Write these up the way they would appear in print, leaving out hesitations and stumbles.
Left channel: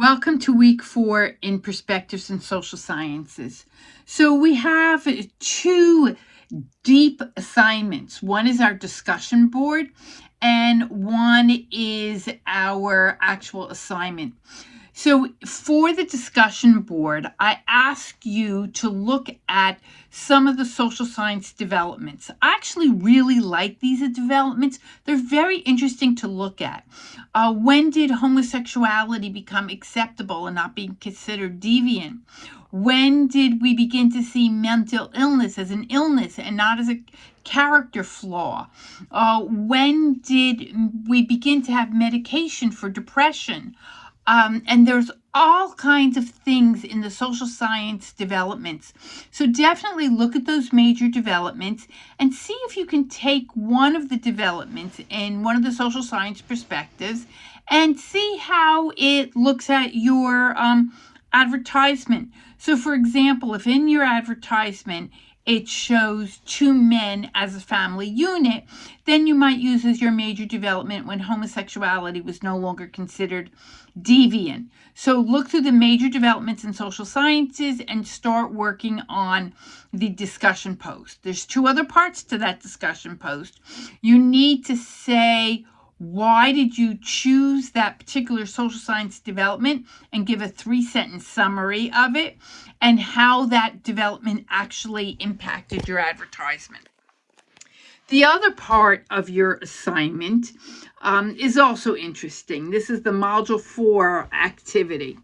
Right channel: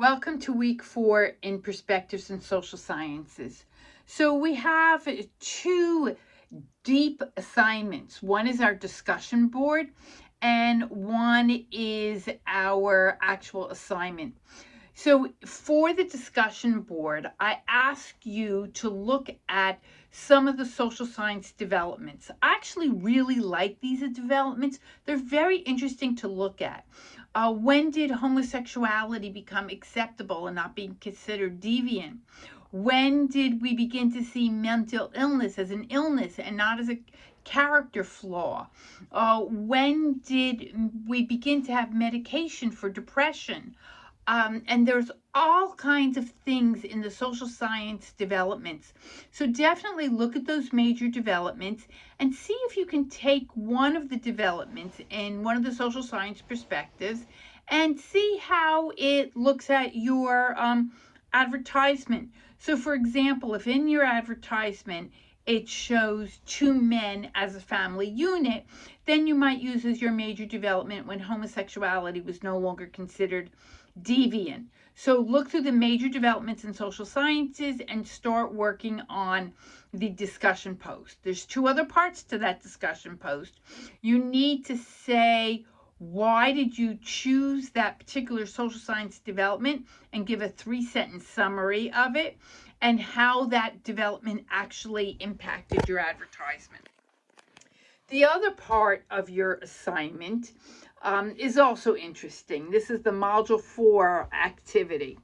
Welcome to week 4 in Perspectives in Social Sciences. So we have two deep assignments. One is our discussion board and one is our actual assignment. So for the discussion board, I ask you to look at some of the social science developments. I actually really like these developments. They're very interesting to look at. When did homosexuality become acceptable and not being considered deviant? When did we begin to see mental illness as an illness and not as a character flaw? When did we begin to have medication for depression? And there's all kinds of things in the social science developments. So definitely look at those major developments and see if you can take one of the developments in one of the social science perspectives and see how it looks at your advertisement. So for example, if in your advertisement it shows two men as a family unit, then you might use as your major development when homosexuality was no longer considered deviant. So look through the major developments in social sciences and start working on the discussion post. There's two other parts to that discussion post. You need to say, why did you choose that particular social science development, and give a 3-sentence summary of it and how that development actually impacted your advertisement. The other part of your assignment is also interesting. This is the Module 4 activity.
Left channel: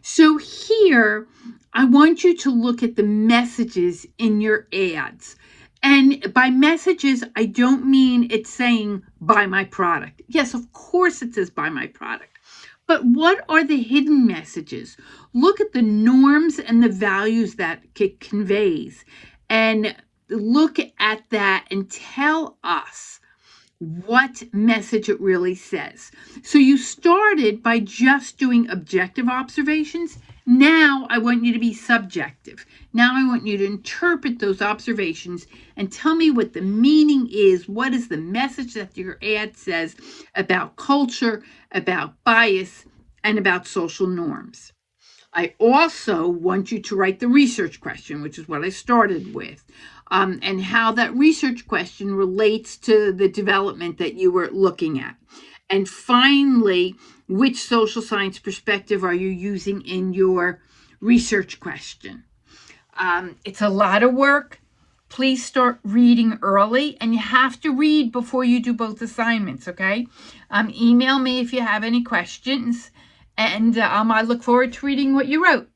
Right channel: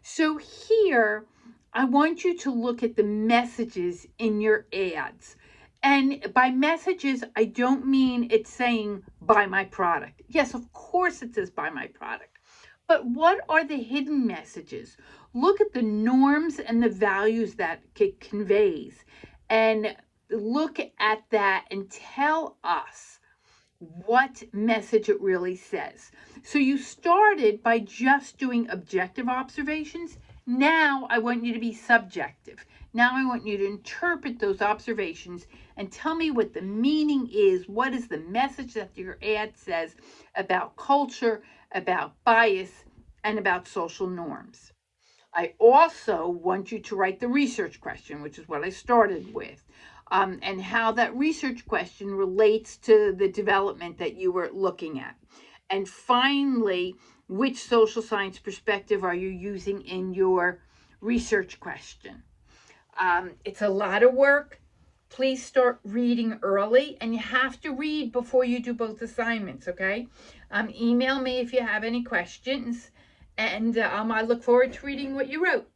So here, I want you to look at the messages in your ads. And by messages, I don't mean it's saying, buy my product. Yes, of course it says, buy my product. But what are the hidden messages? Look at the norms and the values that it conveys. And look at that and tell us what message it really says. So you started by just doing objective observations. Now I want you to be subjective. Now I want you to interpret those observations and tell me what the meaning is. What is the message that your ad says about culture, about bias, and about social norms? I also want you to write the research question, which is what I started with, and how that research question relates to the development that you were looking at. And finally, which social science perspective are you using in your research question? It's a lot of work. Please start reading early, and you have to read before you do both assignments, okay? Email me if you have any questions, and I look forward to reading what you wrote.